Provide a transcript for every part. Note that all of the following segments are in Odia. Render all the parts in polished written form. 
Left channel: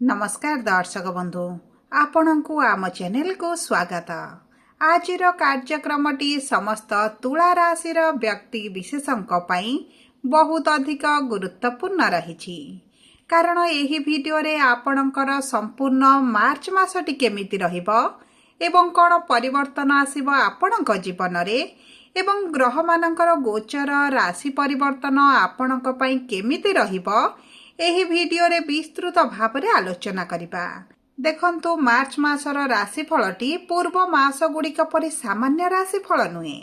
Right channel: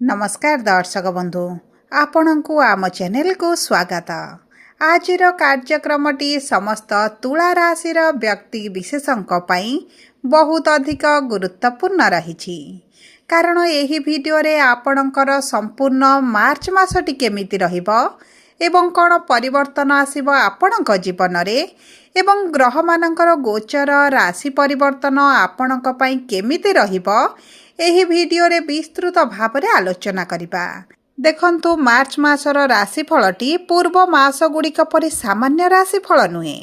नमस्कार दर्शक बंधु आपण को आम चैनल को स्वागत। आज कार्यक्रमटी समस्त तुला राशि व्यक्ति विशेषों बहुत अधिक गुरुत्वपूर्ण रही कारण यही वीडियो रे आपणकर संपूर्ण मार्च मासटी केमिति रहिबो एवं कौन परिवर्तन आसिबो आपणक जीवन रे एवं ग्रह मानकर गोचर राशि परिवर्तन आपणक पई केमिति रहिबो एही वीडियो रे विस्तृत भाव रे आलोचना करिबा। देखंतु मार्च मासर राशिफलटी पूर्व मास गुड़िक परि सामान्य राशिफल नुहे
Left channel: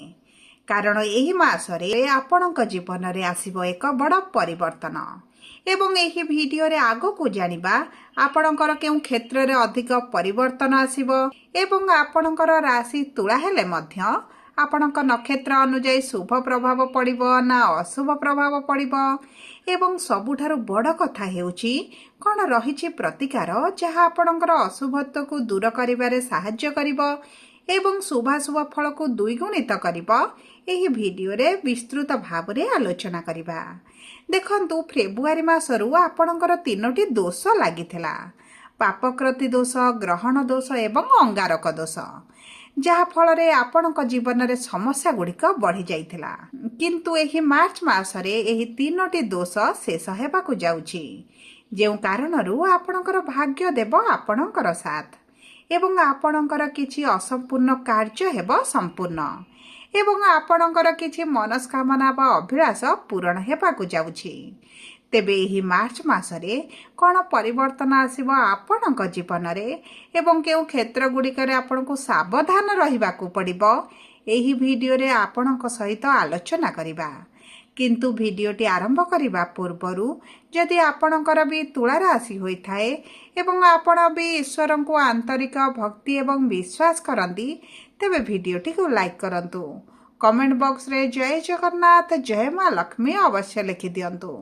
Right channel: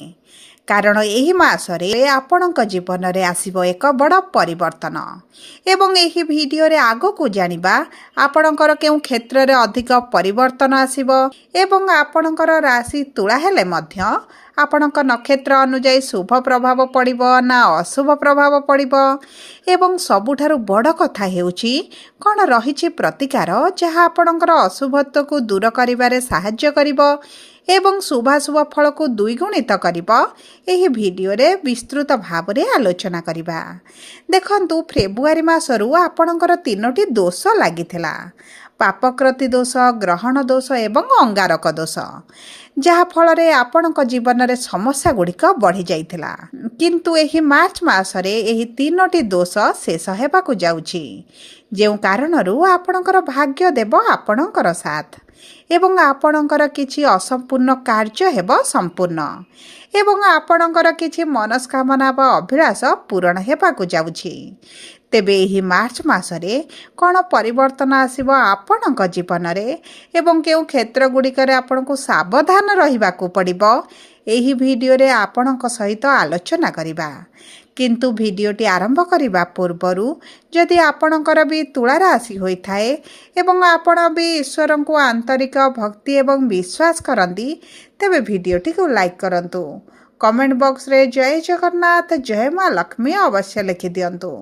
कारण एही मासरे आपणक जीवन रे आसिबो एक बड़ परिवर्तन एवं एही वीडियो रे आगो को जानिबा आपणकर केउ क्षेत्र रे अधिक परिवर्तन आसिबो एवं आपणकर राशि तुला हेले मध्य आपणक नक्षत्र अनुଯାयी शुभ प्रभाव पड़िबो ना अशुभ प्रभाव पड़िबो एवं सबुठारु बड़ कथा हेउची कोन रहिछि प्रतिकार जहाँ आपणकर अशुभत्व को दूर करिबारे सहाय्य करिबो एवं शुभाशुभ फल को द्विगुणित करिबो एही वीडियो रे विस्तृत भाव रे आलोचना करिबा। देखंतु फेब्रुआरी मासरु आपणकर तीनोटी दोष लागिथिला पापकृति दोष ग्रहण दोष एवं अंगारक दोष जहा फल रे आपणक जीवन रे समस्या गुड़िक बढ़ी जाइथिला किंतु एही मार्च मासरे एही तीनोटी दोष शेष हेबाकु जाउछि जेउ कारणरू आपणकर भाग्य देव आपणकर साथ एवं आपणकर किछि असंपूर्ण कार्य हेब संपूर्ण एवं आपणकर किछि मनस्कामना बा अभिलाष पूरण हेबाकु जाउछि। तेबे एही मार्च मासरे कौन परिवर्तन आसिबो आपणक जीवन रे एवं केउ क्षेत्र गुड़िकरे आपणको सावधान रहिबाकु पड़िबो एही वीडियो रे आपणक सहित आलोचना करिबा। किंतु वीडियोटी आरंभ करिबा पूर्वरु जदि आपणकर भी तुला राशि होई थाए एवं आपण भी ईश्वर को आंतरिक भक्ति एवं विश्वास करंती तेबे वीडियोटी को लाइक करंतु कमेंट बॉक्स रे जय जगन्नाथ जय मां लक्ष्मी अवश्य लिखि दियंतु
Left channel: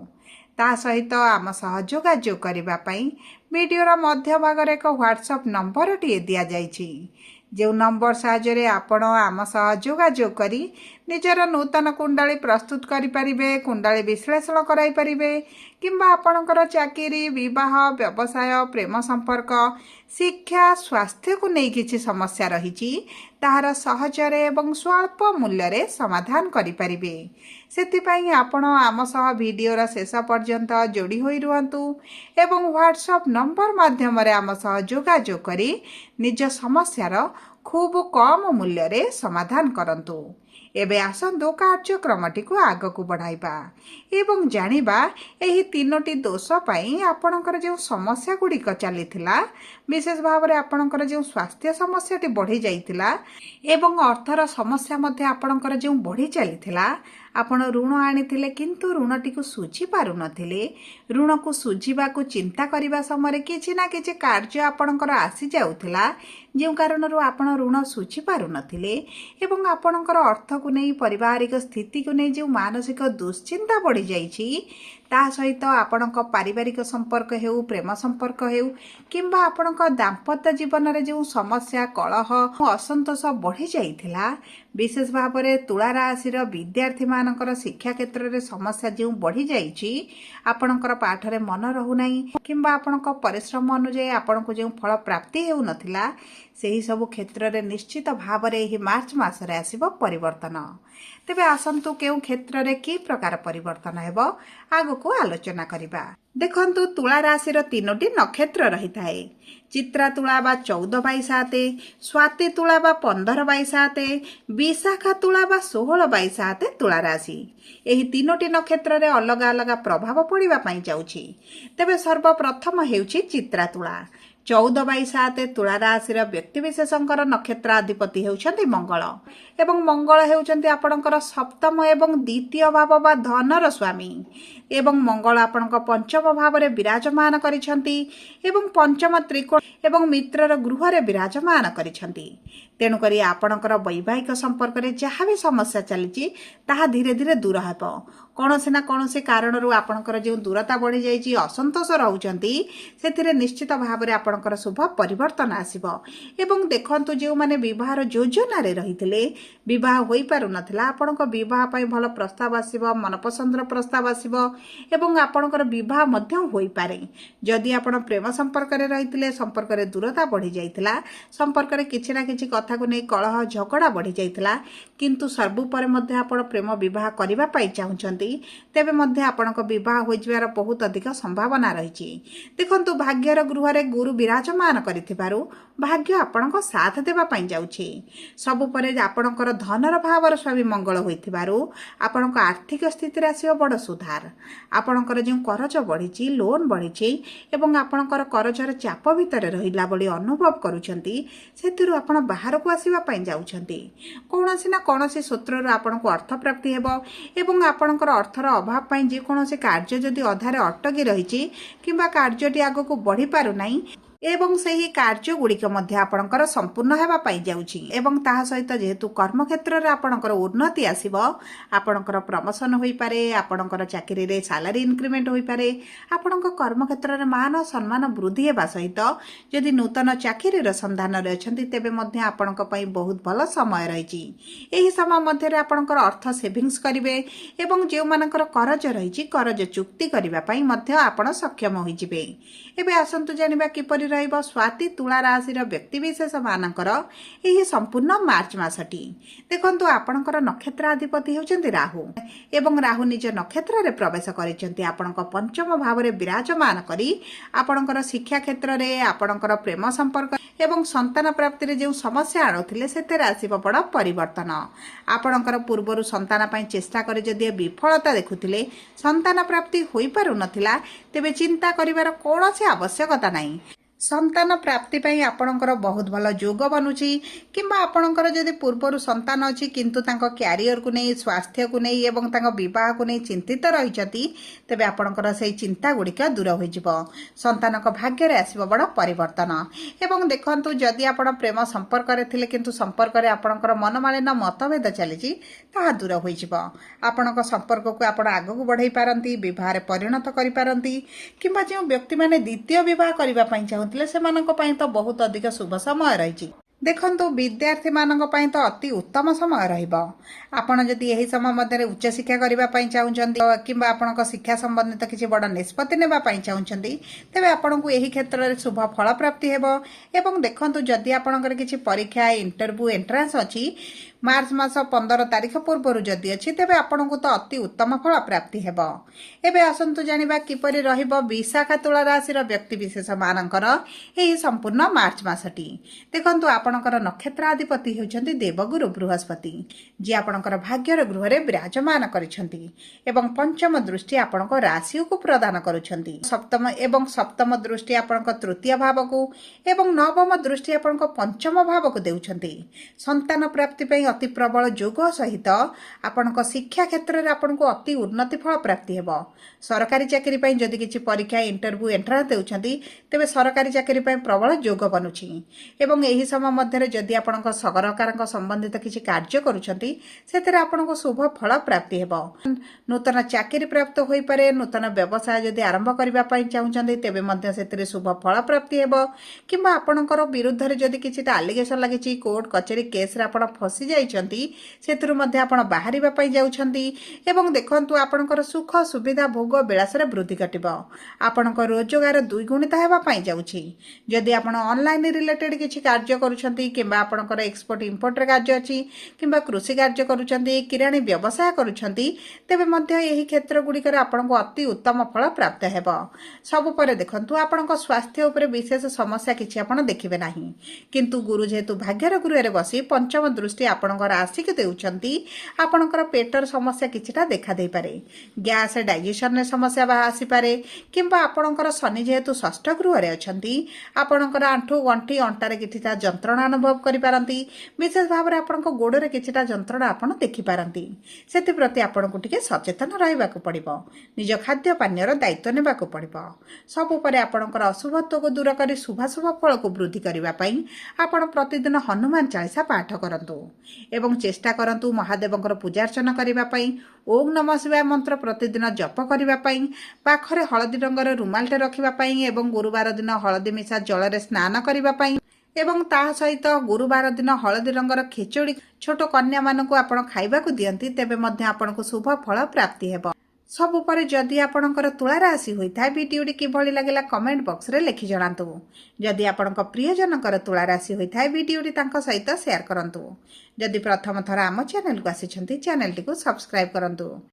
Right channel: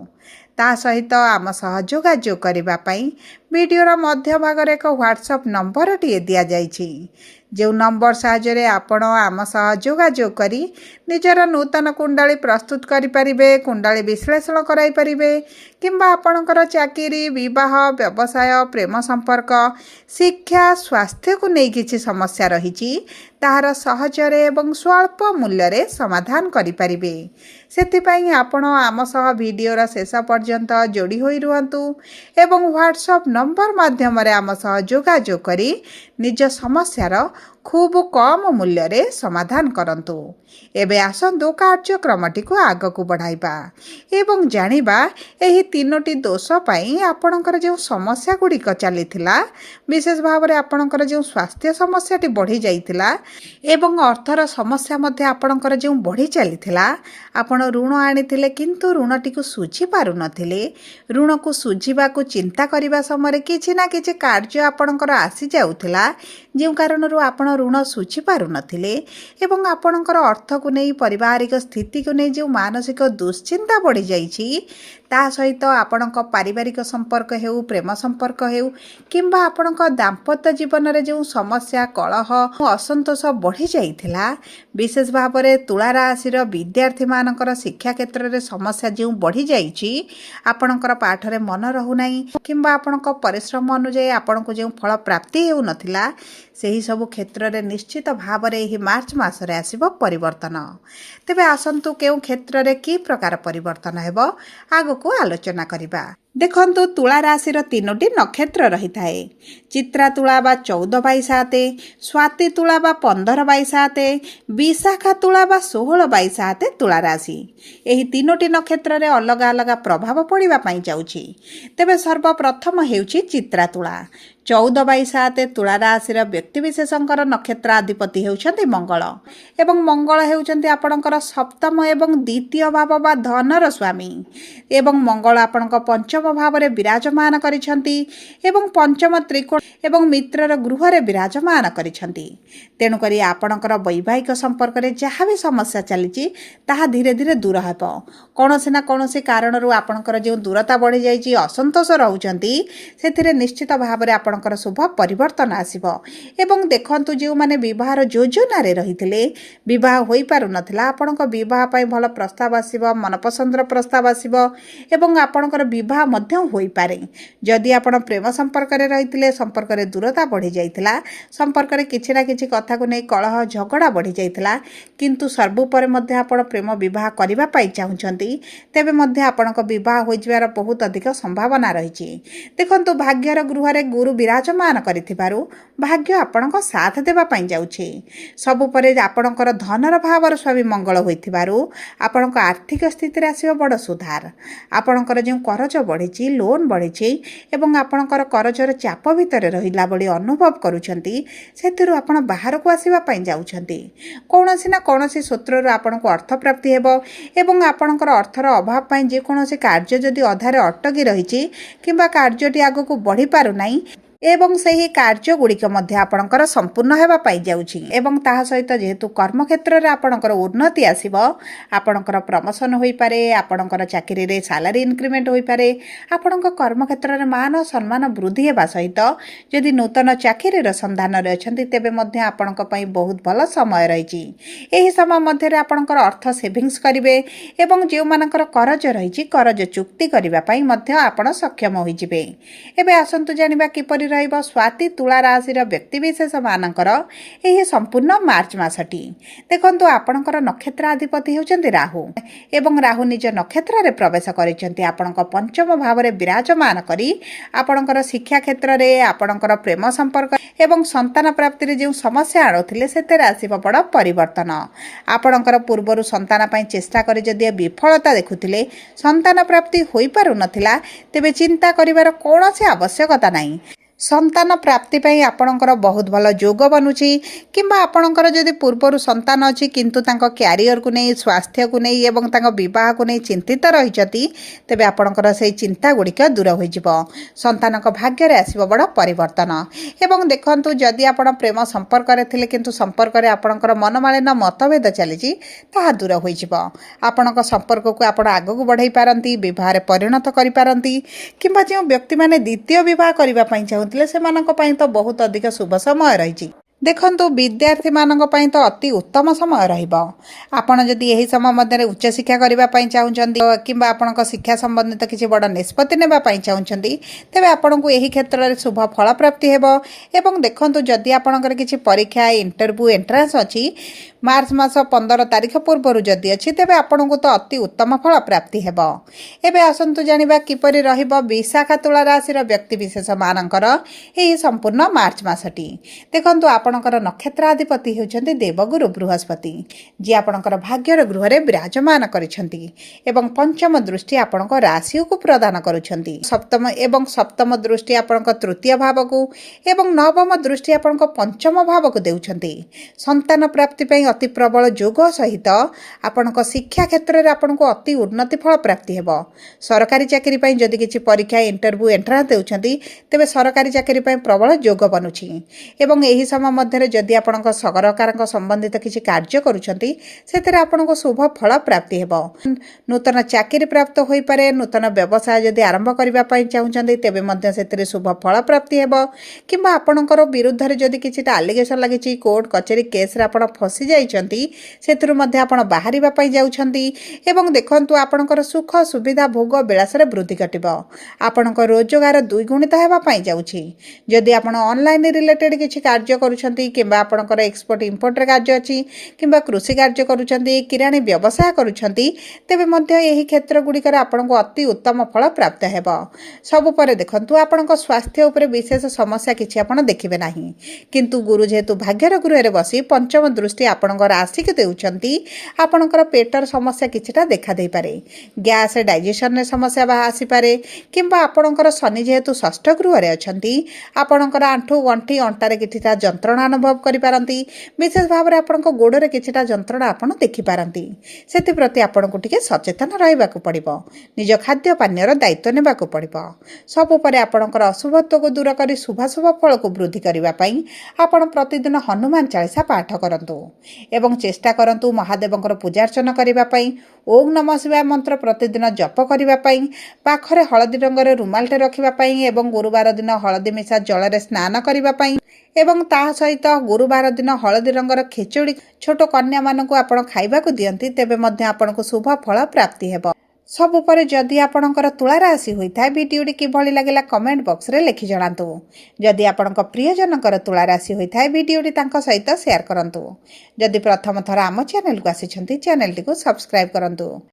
ता सहित आम सह जोगाजोग करबा पई वीडियोर मध्य भाग रे एक व्हाट्सएप नंबर टी दिया जाइछि जो नंबर साहाय्य आपण आम सह जोगाजोग करी निजर नूतन कुंडली प्रस्तुत करि परिबे कुंडली विश्लेषण कराई परिबे किंबा आपणकर चाकरी विवाह व्यवसाय प्रेम संपर्क शिक्षा स्वास्थ्य को नहीं किछि समस्या रहिछि ताहार सहजरे एवं स्वल्प मूल्य रे समाधान करि परिबे सेतिपई आपण आम सह वीडियोर शेष पर्यंत जोड़ी होई रुहंतु एवं व्हाट्सएप नंबर माध्यम रे आम सह जोगाजोग करी निज समस्यार खूब कम मूल्य रे समाधान करंतु। एबे आसंतु कार्यक्रमटी को आग को बढ़ाइबा एवं जानिबा एही तीनोटी दोष पई आपणकर जो समस्या गुड़िक चलीथिला विशेष भाव रे आपणकर जो स्वास्थ्य समस्याटी बढ़ी जाइथिला एवं अर्थर समस्या मध्ये आपणकर जो बढ़ी चलीथिला आपण ऋण आनिथिले किंतु ऋणटी को सुझी पारु नथिले ऋण को सुझीबा को चिंता करिबा समय किछि ना किछि कार्य आपणकर आसी जाउथिला जे कारणरू आपण ऋण सुझी पारु नथिले एवं आपणकर अर्थ को नहीं पारिवारिक स्थिति को नहीं जो मानसिक दुश्चिंता बढ़ी जाइछि ता सहित आपणक पारिवारिक संपर्क हेउ प्रेम संपर्क हेउ किंबा आपणक दाम्पत्य जीवन रे जो समस्या कलह असंतोष बढ़ी जाइथिला विशेष भाव रे तुला राशि विद्यार्थी मानकर शिक्षा क्षेत्र रे समस्या जो बढ़ी जाइछि आपणकर पाठ रे मन रहु नाही किंबा आपणक परिश्रम अनुसार आपणको जो फल प्राप्ति हेउ नथिला सेही सब क्षेत्र रे निश्चित भाव रे एही मार्च मास रे आसीबो परिवर्तन। तेबे आसंतु केउ क्षेत्र रे की प्रकार परिवर्तन हेबो आगो को आलोचना करिबा। देखंतु तुला राशि तीनोटी नक्षत्र रही थाए चित्रा तुला बा 14/7 स्वाति तुला बा 15/7 विशाखा तुला बा 16/7 तुला राशि एही तीनोटी नक्षत्र रे अलग अलग प्रभाव पड़िबा पई जाउछि। तेबे सर्वप्रथम हेउछि चित्रा तुला 14/7 तुला राशि व्यक्तिविशेषकर नक्षत्राधिपति हेउछन्ति मंगल एवं मंगल हेउछन्ति आपणकर सप्तम एवं द्वितीय भाव बा धनर स्वामी एवं मंगल आपणक पंचम भाव रे विराजमान करिछन्ति एवं पंचम त्रिकोण एवं मित्रर गृह रे विराजमान करिछन्ति तेणु करी आपणकर वैवाहिक संपर्क रे जहाँ भी समस्या चलीछि ताहा धीरे धीरे दूर हेबो कोनोसी ना कोनोसी कारणरू आपणकर जो दूरता बढ़ी जाइछि असंतोष रहउछन्ति सेथिरे निश्चित भाव रे ଆପଣଙ୍କର ଶୁଭ ପରିବର୍ତ୍ତନ ଆସିବ। ଏବଂ ଦେଖନ୍ତୁ ଯେଉଁମାନେ ବିବାହର ଯୋଜନାରେ ରହିଥିଲେ, ବିବାହ ହୋଇପାରୁନଥିଲା, ଆପଣଙ୍କ ବିବାହ ପାଇଁ ଭଲ ପ୍ରସ୍ତାବ ଆସିବ, ମନପସନ୍ଦର ପ୍ରସ୍ତାବ ଆସିବ ଏବଂ ଆପଣଙ୍କର ବିବାହ ମଧ୍ୟ ହୋଇପାରେ। ଯଦି ଆପଣ ପ୍ରେମ ସମ୍ପର୍କରେ ରହିଥିଲେ, ସମ୍ପର୍କରେ ଦୂରତା ବଢ଼ିଯାଇଥିଲା, ସମ୍ପର୍କରେ କିଛି ନା କିଛି କଥାକୁ ନେଇ କଳହ ଝଗଡ଼ା ବଢ଼ିଯାଇଥିଲା, କିନ୍ତୁ ସର୍ବୋପରେ ମଧ୍ୟ ଆପଣ ପ୍ରେମ ବିବାହ କରିବା ପାଇଁ ଚାହୁଁଛନ୍ତି, ତେବେ ମଧ୍ୟ ଆପଣଙ୍କ ବିବାହ ହୋଇଯିବାର ବହୁତ ଅଧିକ ସମ୍ଭାବନା ରହିଛି। ଦେଖନ୍ତୁ ଭାଗ୍ୟର ଗୃହରେ ଗୁରୁ ବିରାଜମାନ କରିଥିବାରୁ ଭାଗ୍ୟ ଆପଣଙ୍କ ସାଥ ଦେବା ପାଇଁ ଯାଉଛି। ସବୁପରେ ଆପଣଙ୍କର ଧନର ଭାବର ସ୍ୱାମୀ ମଙ୍ଗଳ ହୋଇଥିବାରୁ ଆପଣଙ୍କ ଆର୍ଥିକ ସ୍ଥିତିରେ ଆସିବ ବଡ଼ ସୁଧାର। ଆପଣଙ୍କର ଯେଉଁ କରଜ ବଢ଼ିଛି, ଲୋନ୍ ବଢ଼ିଛି ଏବଂ ଆପଣଙ୍କର କରଜର ଚାପ ଭିତରେ ରହିଲା ଭଳି ଅନୁଭବ କରୁଛନ୍ତି, ସେଥିରୁ ଆପଣ ବାହାରକୁ ଆସିବା ପାଇଁ ଯାଉଛନ୍ତି। କୌଣସି ନା କୌଣସି ସୂତ୍ରରୁ ଆପଣଙ୍କୁ ଅର୍ଥପ୍ରାପ୍ତି ହେବ ଏବଂ ଆପଣଙ୍କର ଅର୍ଥର ଅଭାବ ପାଇଁ ଯେକୌଣସି କାର୍ଯ୍ୟ ଯଦି ଅଧାରେ ଅଟକି ରହିଛି କିମ୍ବା କାର୍ଯ୍ୟଟି ଆଗକୁ ବଢ଼ିପାରୁନାହିଁ ଏବଂ ସେହି କାର୍ଯ୍ୟଗୁଡ଼ିକ ମଧ୍ୟ ଆପଣଙ୍କର ସମ୍ପୂର୍ଣ୍ଣ ହେବା ପାଇଁ ଯାଉଛି। ଏବଂ ତାହା ସହିତ ଯେହେତୁ କର୍ମକ୍ଷେତ୍ରରେ ଆପଣଙ୍କର ଉନ୍ନତି ଆସିବ, ଆପଣଙ୍କର ପ୍ରମୋସନ୍ ହୋଇପାରେ, ଆପଣଙ୍କର ଚାକିରିରେ ସାଲାରୀ ଇନକ୍ରିମେଣ୍ଟ ହୋଇପାରେ, ଆପଣଙ୍କ କର୍ମକ୍ଷେତ୍ରରେ ମାନ ସମ୍ମାନ ବୃଦ୍ଧି ହେବା ସହିତ ଯଦି ନୂତନ ଚାକିରିର ସନ୍ଧାନରେ ଅଛନ୍ତି, ତେବେ ମଧ୍ୟ ଆପଣଙ୍କ ପାଇଁ ବହୁତ ଭଲ ସମୟ ରହିଛି। ଏହି ସମୟ ମଧ୍ୟରେ ଆପଣଙ୍କର ଅର୍ଥ ସେଭିଙ୍ଗସ୍ କରିବେ ଏବଂ ଯେଉଁମାନଙ୍କର କରଜ ରହିଛି, କରଜ ଚୁକ୍ତି କରିବା ପାଇଁ ମଧ୍ୟ ଆପଣ ସକ୍ଷମ ହୋଇଯିବେ। ଏବେ ଆସନ୍ତୁ ଜାଣିବା କିପରି ରହିବ ସ୍ୱାତି ତୁଳା ରାଶିର ବ୍ୟକ୍ତିବିଶେଷ ମାନଙ୍କର ଏହି ସମ୍ପୂର୍ଣ୍ଣ ମାର୍ଚ୍ଚ ମାସଟି। ଦେଖନ୍ତୁ ଆପଣଙ୍କର ନକ୍ଷତ୍ରାଧିପତି ହେଉଛନ୍ତି ରାହୁ ଏବଂ ରାହୁ ନିଜ ନକ୍ଷତ୍ରରେ ପ୍ରବେଶ କରିଛନ୍ତି ଆପଣଙ୍କ ପଞ୍ଚମ ଭାବରେ ବିରାଜମାନ କରି ଆପଣଙ୍କର ଶିକ୍ଷା କ୍ଷେତ୍ରରେ, ଆପଣଙ୍କର ପ୍ରେମ ସମ୍ପର୍କ ଏବଂ ସନ୍ତାନ ପ୍ରାପ୍ତିରେ ଯେଉଁ ସମସ୍ୟା ଆଣୁଥିଲେ ସେଥିରେ ଆସିବ ବଡ଼ ପରିବର୍ତ୍ତନ। ଆପଣଙ୍କର ପୂର୍ବରୁ ସନ୍ତାନ ପାଇଁ ଚେଷ୍ଟା କରି ଯଦି ବିଫଳତା ଦେଖୁଥିଲେ, ସନ୍ତାନ ପ୍ରାପ୍ତି ହୋଇପାରୁନଥିଲା, ତେବେ ଚିନ୍ତା କରିବାର କୌଣସି ଆବଶ୍ୟକତା ନାହିଁ। ସନ୍ତାନ ପ୍ରାପ୍ତି ପାଇଁ ଆପଣଙ୍କର ବହୁତ ଭଲ ଯୋଗ ବନୁଛି କିମ୍ବା ଆପଣଙ୍କର ଯଦି ପୂର୍ବରୁ ସନ୍ତାନ ଅଛି କିନ୍ତୁ ତାଙ୍କ କ୍ୟାରିୟରକୁ ନେଇ, ସ୍ୱାସ୍ଥ୍ୟକୁ ନେଇ ଏବଂ ତାଙ୍କ ବିବାହକୁ ନେଇ ଚିନ୍ତିତ ରହିଛନ୍ତି, ତେବେ ଆପଣଙ୍କର ସେହି ଚିନ୍ତା ଗୁଡ଼ିକ ଦୂର ହୋଇଯିବ। ସନ୍ତାନଙ୍କ ଭାଗ୍ୟରେ ଆସିବ ବଡ଼ ପରିବର୍ତ୍ତନ। ଏବଂ ଦେଖନ୍ତୁ ଯଦି ଆପଣ ପ୍ରେମ ସମ୍ପର୍କରେ ଥିଲେ କିନ୍ତୁ ସମ୍ପର୍କରେ ଆପଣଙ୍କର ମନମାଳିନ ମତଭେଦ ଚାଲିଛି, ତାହା ଦୂର ହୋଇଯିବ। ଆପଣଙ୍କ ସମ୍ପର୍କକୁ ଆପଣ ଆଗକୁ ବଢ଼ାଇ ପାରନ୍ତି, ବିବାହରେ ପରିଣତ କରିପାରନ୍ତି କିମ୍ବା ଯେଉଁ ବ୍ୟକ୍ତିମାନେ ଦ୍ୱିତୀୟ ବିବାହ କରିବା ପାଇଁ ଚାହୁଁଛନ୍ତି ସେମାନଙ୍କ ପାଇଁ ତ ବହୁତ ଅଧିକ ଶୁଭ ସମୟ ରହିଛି। ଦେଖନ୍ତୁ ବିଦ୍ୟାର୍ଥୀମାନଙ୍କ ପାଇଁ ତ ଅତି ଉତ୍ତମ ସମୟ ରହିବ। ଆପଣ ଯଦି ଏହି ସମୟ ମଧ୍ୟରେ ଉଚ୍ଚଶିକ୍ଷା କରିବା ପାଇଁ ଚାହୁଁଛନ୍ତି କିମ୍ବା ଆପଣଙ୍କ ଶିକ୍ଷା ସମ୍ବନ୍ଧିତ କିଛି ବଡ଼ ନିଷ୍ପତ୍ତି ନେବା ପାଇଁ ଚାହୁଁଛନ୍ତି, ତେବେ ଆପଣଙ୍କୁ ଏହି କ୍ଷେତ୍ରରେ ଶୁଭ ଫଳ ପ୍ରାପ୍ତି ହେବ। ଏବଂ ଦେଖନ୍ତୁ ଯଦି ଆପଣଙ୍କର କିଛି ପରୀକ୍ଷା, ଇଣ୍ଟରଭ୍ୟୁ, ଏଣ୍ଟ୍ରାନ୍ସ ଅଛି, ମାର୍ଚ୍ଚ ମାସ 15 ତାରିଖ ପୂର୍ବରୁ ଯଦି ଅଛି, ତେବେ ଆପଣଙ୍କୁ ତ ଅତି ଉତ୍ତମ ଫଳ ପ୍ରାପ୍ତି ହେବ। ଏବେ ଆସନ୍ତୁ ଜାଣିବା କିପରି ରହିବ ବିଶାଖା ତୁଳା ରାଶିର ବ୍ୟକ୍ତିବିଶେଷ ମାନଙ୍କର ଏହି ସମ୍ପୂର୍ଣ୍ଣ ମାର୍ଚ୍ଚ ମାସଟି। ଦେଖନ୍ତୁ ଆପଣଙ୍କର ନକ୍ଷତ୍ରାଧିପତି ହେଉଛନ୍ତି ଦେବଗୁରୁ ବୃହସ୍ପତି, ଯିଏ ଆପଣଙ୍କର ଭାଗ୍ୟର ଗୃହରେ ବିରାଜମାନ କରିଛନ୍ତି ଏବଂ ପଞ୍ଚମ ଦୃଷ୍ଟି ଆପଣଙ୍କ ରାଶିକୁ ପ୍ରଦାନ କରୁଛନ୍ତି। ସପ୍ତମ ଦୃଷ୍ଟି ଆପଣଙ୍କ ତୃତୀୟ ଭାବକୁ ଏବଂ ନବମ ଦୃଷ୍ଟି ଆପଣଙ୍କ ପଞ୍ଚମ ଭାବକୁ ଦେଉଛନ୍ତି। ସନ୍ତାନ ପ୍ରାପ୍ତି ପାଇଁ ଅତି ପ୍ରବଳ ଯୋଗ ସହିତ ଆପଣଙ୍କ ଶିକ୍ଷା କ୍ଷେତ୍ରରେ ଆପଣଙ୍କୁ ଅତି ଉନ୍ନତି ଫଳ ପ୍ରାପ୍ତି ହେବ। ସରକାରୀ ଚାକିରି ପାଇଁ ଯଦି କିଛି ପରୀକ୍ଷା, ଇଣ୍ଟରଭ୍ୟୁ, ଏଣ୍ଟ୍ରାନ୍ସ ଦେଉଛନ୍ତି, ତେବେ ସରକାରୀ ଚାକିରି ପାଇଁ ପ୍ରବଳ ଯୋଗ ବନୁଛି। ଏବଂ ଏହି ସମୟ ମଧ୍ୟରେ ଯଦି ଆପଣଙ୍କ ସରକାରଙ୍କ ସମ୍ବନ୍ଧିତ କିଛି କାର୍ଯ୍ୟ କରୁଛନ୍ତି, ସେଥିରେ ଆପଣଙ୍କୁ ଶୁଭ ଫଳ ପ୍ରାପ୍ତି ହେବ। ନୂତନ ଚାକିରି ପ୍ରାପ୍ତ ହୋଇପାରେ, ନୂତନ ବ୍ୟବସାୟ ଯଦି ଆରମ୍ଭ କରିବା ପାଇଁ ଚାହୁଁଛନ୍ତି, ତେବେ ମଧ୍ୟ ସେଥିରେ ଶୁଭ ଫଳ ପ୍ରାପ୍ତି ହେବ କିମ୍ବା ଆପଣଙ୍କର ବିରୁଦ୍ଧରେ ଯଦି କିଛିଟା ଆଲିଗେସନ୍ ଲାଗିଛି, କୋର୍ଟ କଚେରୀ କେସ୍ରେ ଆପଣ ଫସି ଯାଇଛନ୍ତି, ସେଥିରୁ ମଧ୍ୟ ଆପଣ ବାହାରିବା ପାଇଁ ଯାଉଛନ୍ତି। ଏବଂ ଦେଖନ୍ତୁ ଆପଣଙ୍କର ସୁଖ, ସୁବିଧା, ଭୋଗ, ବିଳାସରେ ବୃଦ୍ଧି ଘଟିବ। ଆପଣଙ୍କ ରୋଜଗାର ଦ୍ୱିଗୁଣିତ ହେବା ପାଇଁ ଯାଉଛି। ଯଦି ଆପଣ ଅନଲାଇନ୍ ରିଲେଟେଡ୍ କିଛି କାର୍ଯ୍ୟ କରୁଛନ୍ତି କିମ୍ବା ଆପଣଙ୍କର ଏକ୍ସପୋର୍ଟ ଇମ୍ପୋର୍ଟରେ କାର୍ଯ୍ୟ ଅଛି କିମ୍ବା କୃଷି କାର୍ଯ୍ୟ କରୁଛନ୍ତି, କିରାଣୀ ବ୍ୟବସାୟ କରୁଛନ୍ତି, ତେବେ ମଧ୍ୟ ଏହି କ୍ଷେତ୍ର ଗୁଡ଼ିକରେ ଆପଣଙ୍କୁ ଅତି ଉତ୍ତମ ଫଳ ପ୍ରାପ୍ତ ହେବ। ସବୁ ପରେ ଦେଖନ୍ତୁ ଆପଣଙ୍କ ସ୍ୱାସ୍ଥ୍ୟ ଉପରେ ବିଶେଷ ସମସ୍ୟା କିଛି ଆପଣ ଦେଖିବେ ନାହିଁ, କିନ୍ତୁ ଗୁରୁ ଯେହେତୁ ଭାଗ୍ୟର ଗୃହରେ ବସି ପଞ୍ଚମ ଦୃଷ୍ଟି ଆପଣଙ୍କ ରାଶିକୁ ଦେଉଛନ୍ତି, ଆପଣଙ୍କର ପେଟର ସମସ୍ୟା କିଛିଟା ଦେଖାଦେଇପାରେ। ଗ୍ୟାସ୍, ଡାଇଜେସନରେ ସମସ୍ୟା ଆସିପାରେ କିମ୍ବା ଆପଣଙ୍କର ଶନି ଯେହେତୁ ଷଷ୍ଠ ଗୃହରେ ଅଛନ୍ତି, ଆପଣଙ୍କର ଆଣ୍ଠୁ, ଗଣ୍ଠି, ଅଣ୍ଟାରେ କିଛିଟା ଯନ୍ତ୍ରଣା ଯନ୍ତ୍ରଣା ଅନୁଭବ କରିପାରନ୍ତି। ବିଶେଷ ଭାବରେ ଆପଣଙ୍କ ଗୋଡ଼ରେ କିଛିଟା ଯନ୍ତ୍ରଣା ଆପଣ ଦେଖିପାରନ୍ତି। ସେଥିପ୍ରତି ଆପଣଙ୍କୁ ଟିକେ ସଚେତନ ରହିବାକୁ ପଡ଼ିବ। ନିଜ ଖାଦ୍ୟ ପାନୀୟର ଦାୟିତ୍ୱ ନେବାକୁ ପଡ଼ିବ। ସବୁପରେ ଆପଣଙ୍କର ଅଶୁଭତ୍ୱକୁ ଦୂର କରି ଶୁଭାଶୁଭ ଫଳକୁ ବୃଦ୍ଧି କରିବା ପାଇଁ ଆପଣ ପ୍ରତିଦିନ ହନୁମାନ ଚାଳିଶା ପାଠ କରନ୍ତୁ ଏବଂ ଚେଷ୍ଟା କରନ୍ତୁ ମହାଦେବଙ୍କର ପୂଜାର୍ଚ୍ଚନା କରିବା ପାଇଁ। ଓଁ ନମଃ ଶିବାୟ ମନ୍ତ୍ର ପ୍ରତିଦିନ ଜପ କରିବା ପାଇଁ, ପାଖରେ ହଳଦୀ ରଙ୍ଗର ରୁମାଲଟେ ରଖିବା ପାଇଁ ଏବଂ ଗୁରୁବାର ଦିନ ହଳଦୀ ମିଶା ଜଳରେ ସ୍ନାନ କରିବା ପାଇଁ ଏବଂ ତାହା ସହିତ ଗୁରୁବାର ଦିନ ହଳଦୀ ରଙ୍ଗର ଖେଚୁଡ଼ି ଛୋଟ କନ୍ୟାମାନଙ୍କୁ ଆପଣ ଖାଇବାକୁ ଦିଅନ୍ତି, ତେବେ ମଧ୍ୟ ଆପଣଙ୍କୁ ଶୁଭ ଫଳ ପ୍ରାପ୍ତି ହେବ। ସବୁ ପରେ ଯଦି ଆପଣଙ୍କର ତୁଳା ରାଶି ହୋଇଥାଏ, ଭିଡ଼ିଓଟି କିଭଳି ଲାଗିଲା କମେଣ୍ଟ ବକ୍ସରେ ଲେଖି ଜଣାନ୍ତୁ। ଯଦି ଆପଣଙ୍କ ପ୍ରିୟଜନଙ୍କର ତୁଳା ରାଶି ହୋଇଥାଏ, ଭିଡ଼ିଓଟି ତାଙ୍କ ସହିତ ସେୟାର କରନ୍ତୁ। ଯଦି ପ୍ରଥମ ଥର ଆମ ଚ୍ୟାନେଲକୁ ଆସିଛନ୍ତି, ଚ୍ୟାନେଲଟିକୁ ସବସ୍କ୍ରାଇବ୍ କରନ୍ତୁ।